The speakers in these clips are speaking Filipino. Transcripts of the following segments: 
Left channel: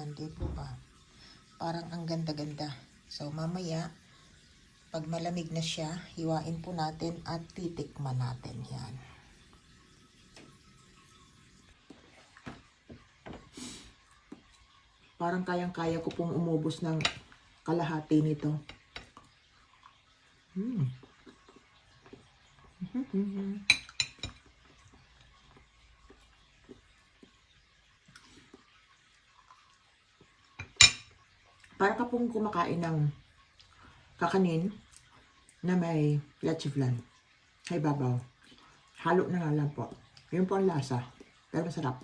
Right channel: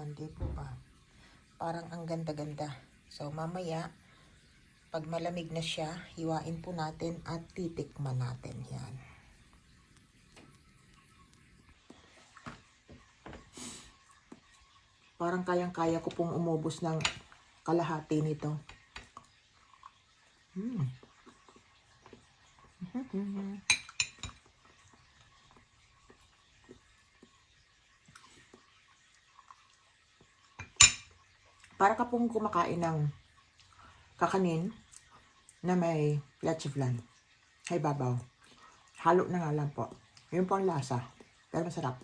Yan, di po ba? Parang ang ganda-ganda. So, mamaya, pag malamig na siya, hiwain po natin at titikman natin. Yan. Parang kayang-kaya ko pong umubos ng kalahati nito. Para ka pong kumakain ng kakanin na may leche flan. Ay babaw. Halo na nga lang po. Yun po ang lasa. Pero masarap.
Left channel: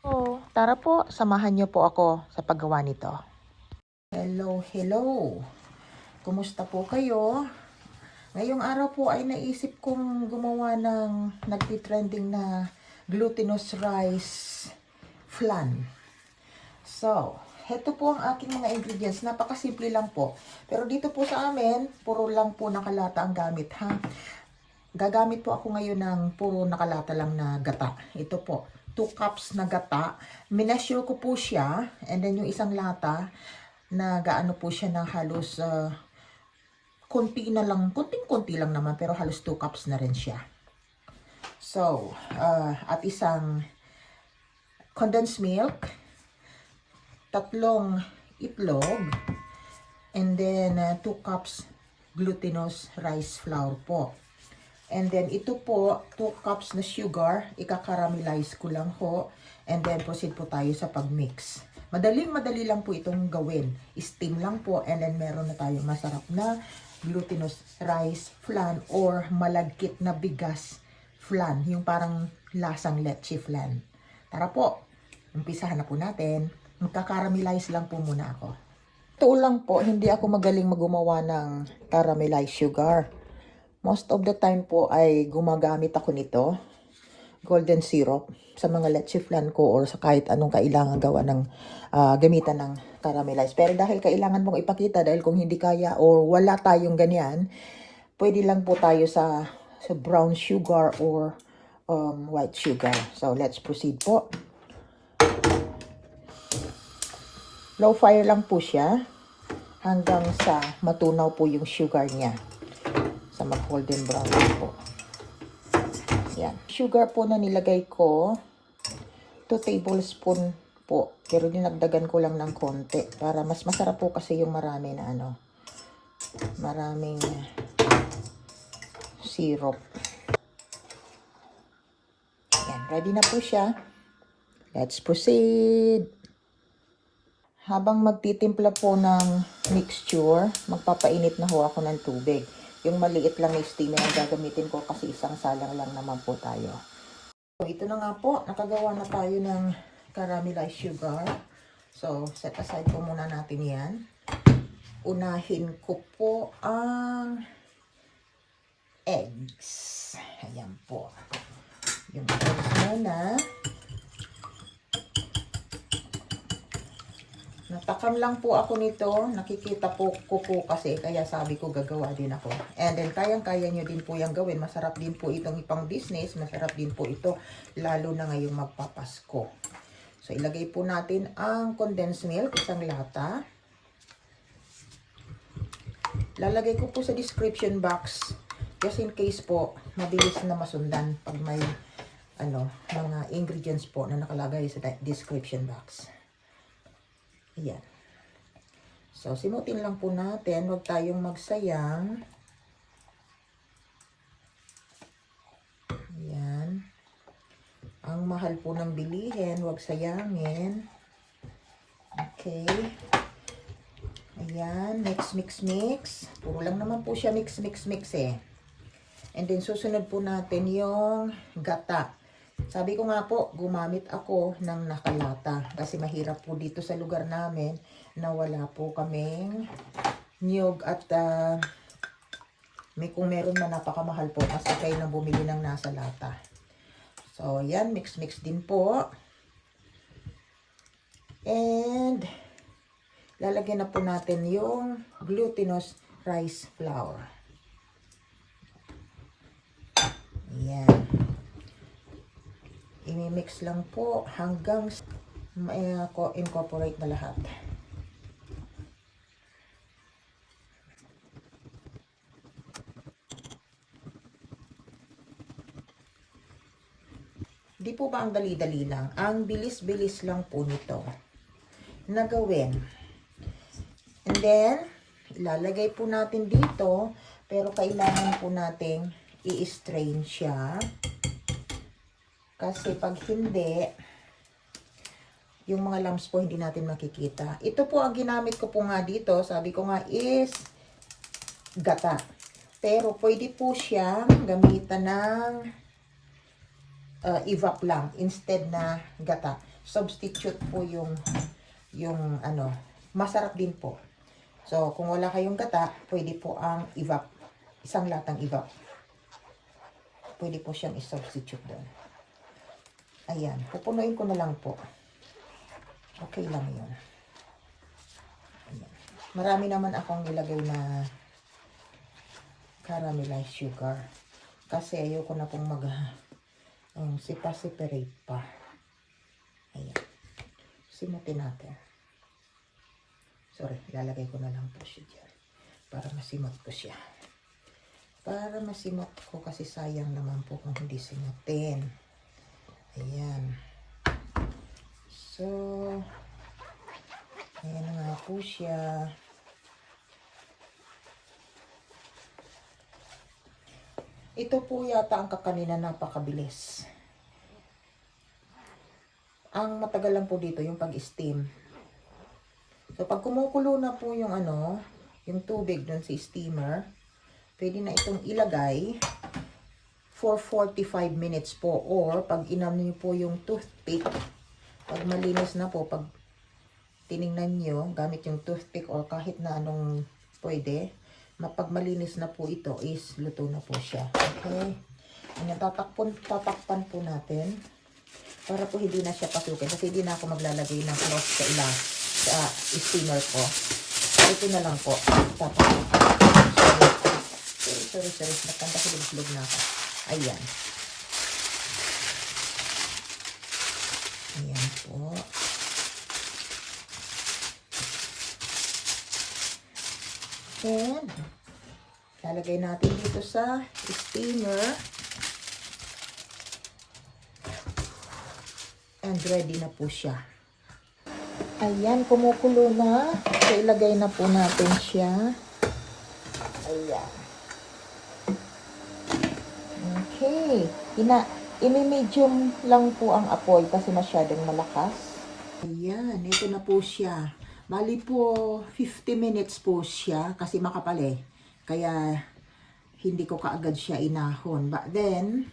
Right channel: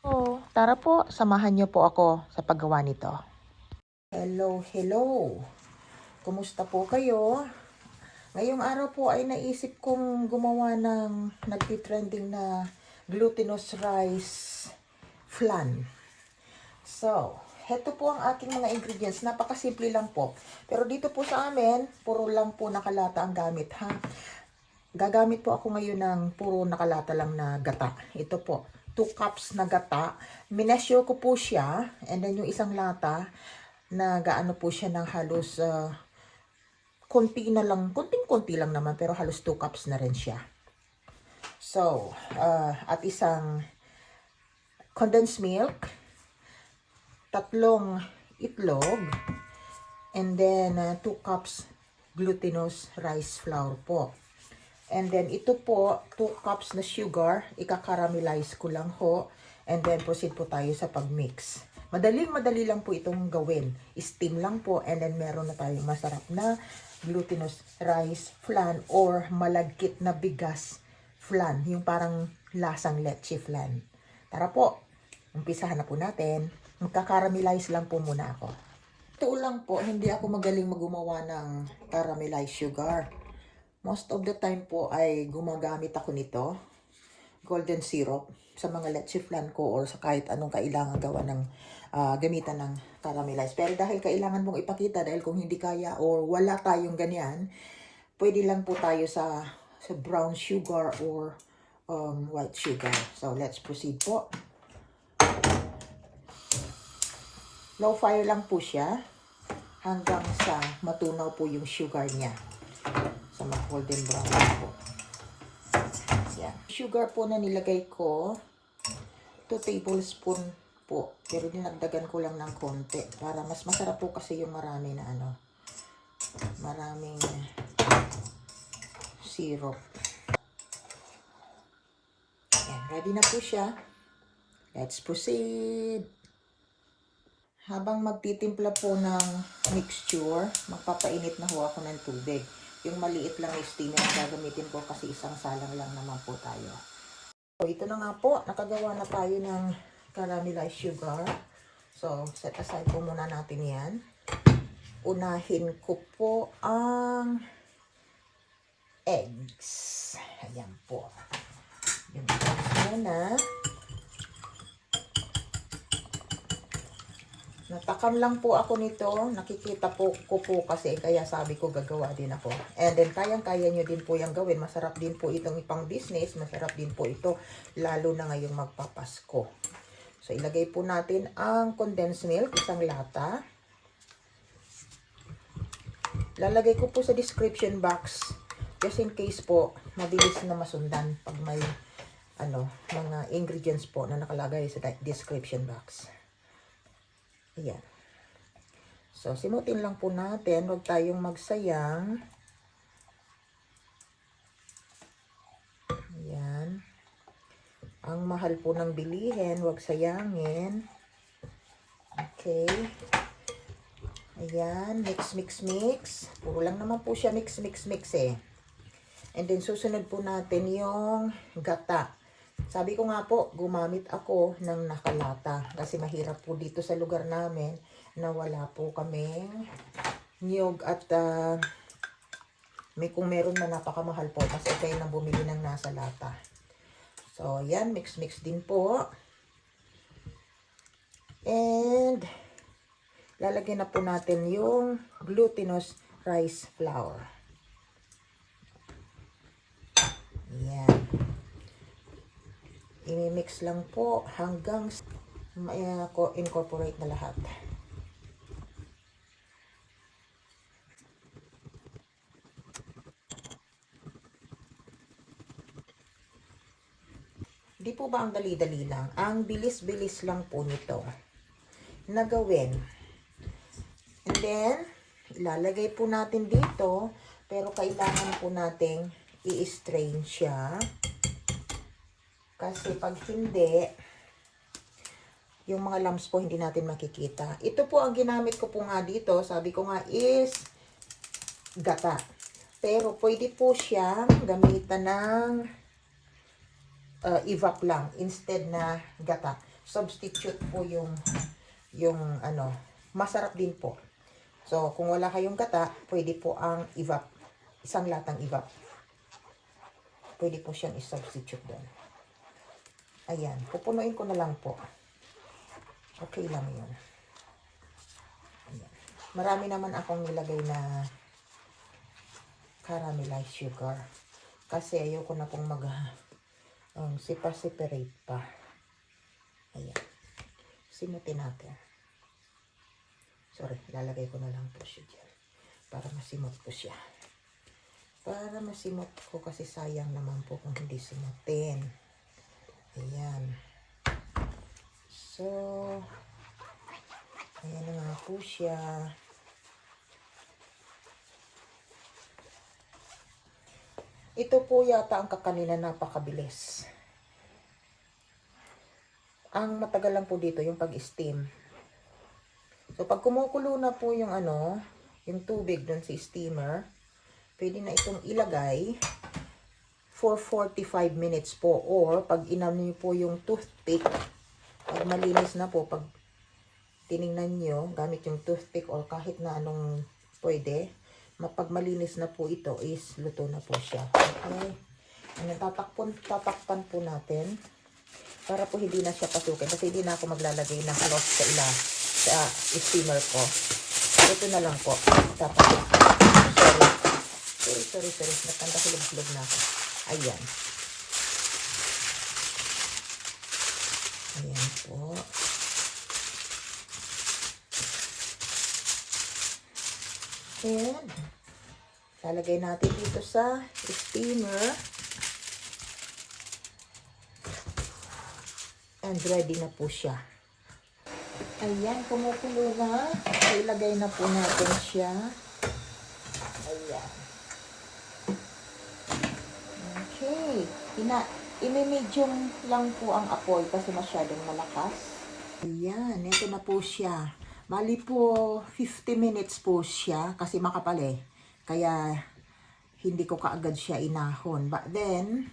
Oh, tara po, samahan niyo po ako sa paggawa nito. Hello, hello. Kumusta po kayo? Ngayong araw po ay naisip kong gumawa ng nagtitrending na glutinous rice flan. So, heto po ang aking mga ingredients. Napakasimple lang po. Pero dito po sa amin, puro lang po nakalata ang gamit, ha? Gagamit po ako ngayon ng puro nakalata lang na gata. Ito po, 2 cups na gata. Minasure ko po siya. And then yung isang lata, na gaano po siya ng halos konti na lang, konting-konti lang naman, pero halos 2 cups na rin siya. So, at isang condensed milk, 3 itlog, and then 2 cups glutinous rice flour po. And then ito po, 2 cups na sugar, ika-caramelize ko lang ho, and then proceed po tayo sa pag-mix. Madaling-madali lang po itong gawin. Steam lang po, and then meron na tayong masarap na glutinous rice flan or malagkit na bigas flan, yung parang lasang leche flan. Tara po, umpisahan na po natin. Magka-caramelize lang po muna ako. Ito lang po, hindi ako magaling gumawa ng caramelized sugar. Most of the time po ay gumagamit ako nito, golden syrup, sa mga leche flan ko or sa kahit anong kailangan gawa ng gamitan ng caramelized. Pero dahil kailangan mong ipakita, dahil kung hindi kaya or wala tayong ganyan, pwede lang po tayo sa brown sugar or white sugar. So let's proceed po. Low fire lang po siya hanggang sa matunaw po yung sugar niya. Sa golden brown po. Yan. Sugar po na nilagay ko, 2 tablespoon po. Pero dinagdagan ko lang ng konti para mas masarap po kasi yung marami na maraming syrup. Yan. Ready na po siya. Let's proceed. Habang magtitimpla po ng mixture, magpapainit na ho ako ng tubig. Yung maliit lang na steamer na gagamitin ko kasi isang salang lang naman po tayo. So, ito na nga po. Nakagawa na tayo ng caramelized sugar. So, set aside po muna natin yan. Unahin ko po ang eggs. Ayan po. Yung eggs muna. Natakam lang po ako nito. Nakikita po ko kasi kaya sabi ko gagawa din ako. And then kayang-kaya nyo din po yung gawin. Masarap din po itong ipang business. Masarap din po ito lalo na ngayong magpapasko. So ilagay po natin ang condensed milk, isang lata. Lalagay ko po sa description box just in case po mabilis na masundan pag may mga ingredients po na nakalagay sa description box. Ayan. So, simutin lang po natin. Huwag tayong magsayang. Ayan. Ang mahal po ng bilihin. Huwag sayangin. Okay. Ayan. Mix, mix, mix. Puro lang naman po siya mix, mix, mix eh. And then, susunod po natin yung gata. Sabi ko nga po, gumamit ako ng nakalata kasi mahirap po dito sa lugar namin na wala po kaming niyog at kung meron man napakamahal po kasi kayo na bumili ng nasa lata. So, yan, mix-mix din po. And, lalagyan na po natin yung glutinous rice flour. Yan. I-mix lang po hanggang incorporate na lahat. Di po ba ang dali-dali lang? Ang bilis-bilis lang po nito na gawin. And then, ilalagay po natin dito, pero kailangan po nating i-strain siya. Kasi pag hindi, yung mga lumps po hindi natin makikita. Ito po ang ginamit ko po nga dito, sabi ko nga is gata. Pero pwede po siyang gamitan ng evap lang instead na gata. Substitute po yung ano, masarap din po. So, kung wala kayong gata, pwede po ang evap. Isang latang evap. Pwede po siyang i-substitute doon. Ayan, pupunuin ko na lang po. Okay lang yun. Ayan. Marami naman akong nilagay na caramelized sugar. Kasi ayoko na pong separate pa. Ayan. Simutin natin. Sorry, lalagay ko na lang po siya dyan. Para masimot ko siya. Para masimot ko kasi sayang naman po kung hindi simutin. Ayan. So, ayan na nga po siya. Ito po yata ang kakanina napakabilis. Ang matagal lang po dito yung pag-steam. So, pag kumukulo na po yung yung tubig doon sa steamer, pwede na itong ilagay for 45 minutes po. Or, pag inano niyo po yung toothpick, pag malinis na po, pag tiningnan nyo, gamit yung toothpick or kahit na anong pwede, pag malinis na po ito is luto na po siya. Okay? Ayan, tatakpan po natin para po hindi na siya pasukin kasi hindi na ako maglalagay ng sa steamer ko. Ito na lang po. Tatakpan. Sorry. Nagkantahulog-hulog na ako. Ayan. Ayan po. And, lalagay natin dito sa steamer. And ready na po siya. Ayan, kumukulo na. So, ilagay na po natin siya. Ayan. Okay. I-medium lang po ang apoy kasi masyadong malakas. Ayan, ito na po siya. Bali po, 50 minutes po siya kasi makapal eh. Kaya, hindi ko kaagad siya inahon. But then,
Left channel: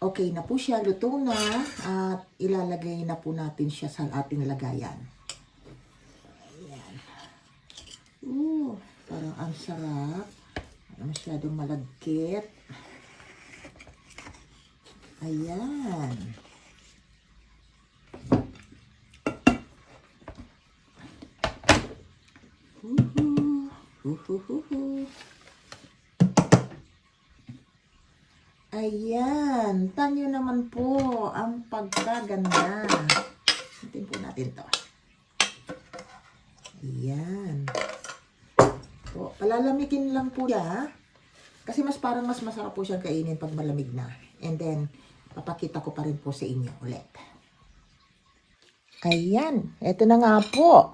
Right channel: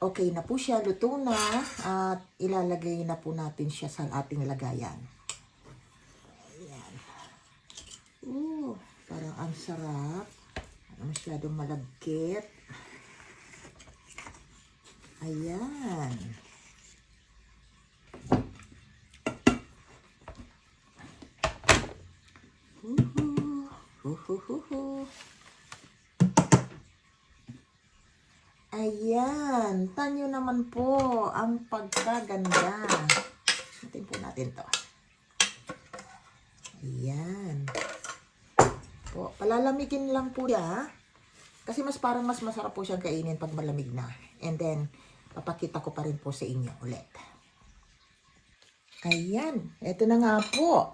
okay na po siya. Luto na. At ilalagay na po natin siya sa ating lagayan. Ayan. Parang ang sarap. Masyadong malagkit. Ayan. Ayan, tanyo naman po ang pagkaganda. Natin po natin to. Ayan. So, palalamigin lang po siya. Kasi parang mas masarap po siyang kainin pag malamig na. And then, papakita ko pa rin po sa inyo ulit. Ayan, eto na nga po.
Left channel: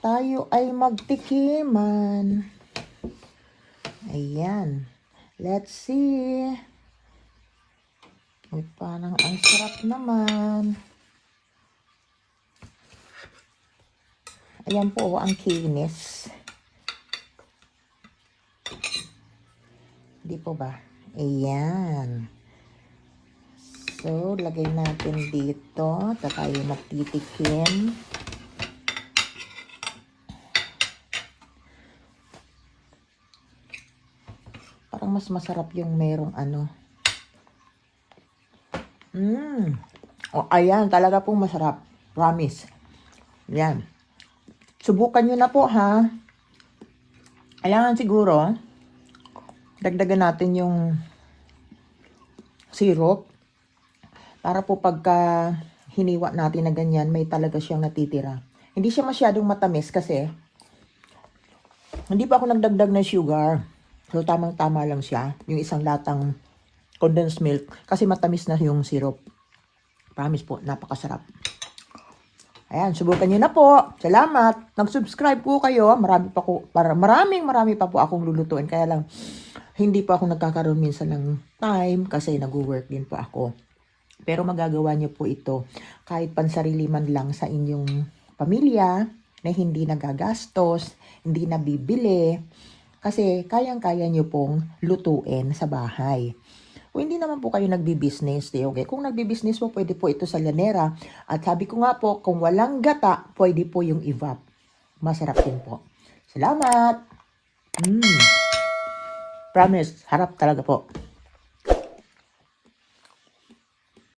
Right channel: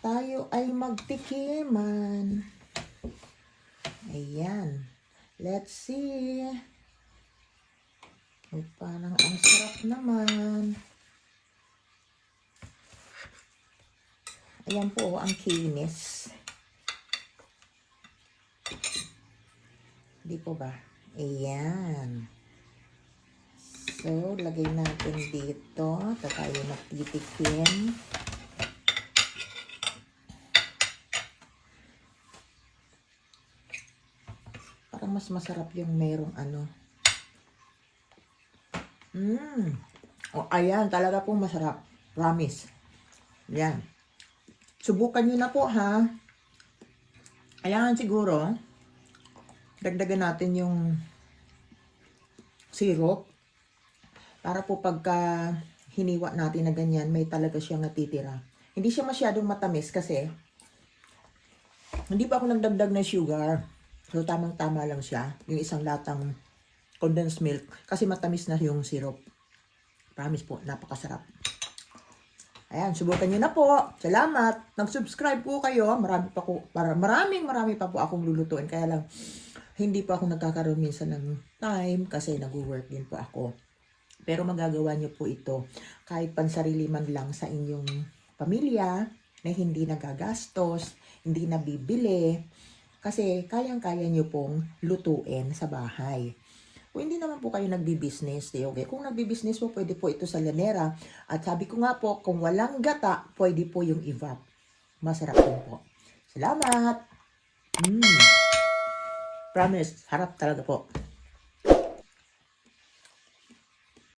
Tayo ay magtikiman. Ayan. Let's see. Uy, parang ang sarap naman. Ayan po, ang kinis. Di po ba? Ayan. So, lagay natin dito. Tayo magtitikim. Parang mas masarap yung merong Oh, ayan, talaga pong masarap. Promise. Ayan. Subukan nyo na po, ha? Ayan, siguro, dagdagan natin yung syrup. Para po pagka hiniwa natin na ganyan, may talaga siyang natitira. Hindi siya masyadong matamis kasi hindi pa ako nagdagdag ng sugar. So, tamang-tama lang siya. Yung isang latang condensed milk. Kasi matamis na yung syrup. Promise po, napakasarap. Ayan, subukan nyo na po. Salamat. Nag-subscribe po kayo. Marami pa po akong lulutuin. Kaya lang, hindi pa ako nagkakaroon minsan ng time kasi nag-work din po ako. Pero magagawa nyo po ito kahit pansarili man lang sa inyong pamilya na hindi nagagastos, hindi nabibili. Kasi kayang-kaya nyo pong lutuin sa bahay. Kung hindi naman po kayo nagbi-business, okay? Kung nagbi-business po, pwede po ito sa lanera. At sabi ko nga po, kung walang gata, pwede po yung evap. Masarap din po. Salamat! Promise, harap talaga po.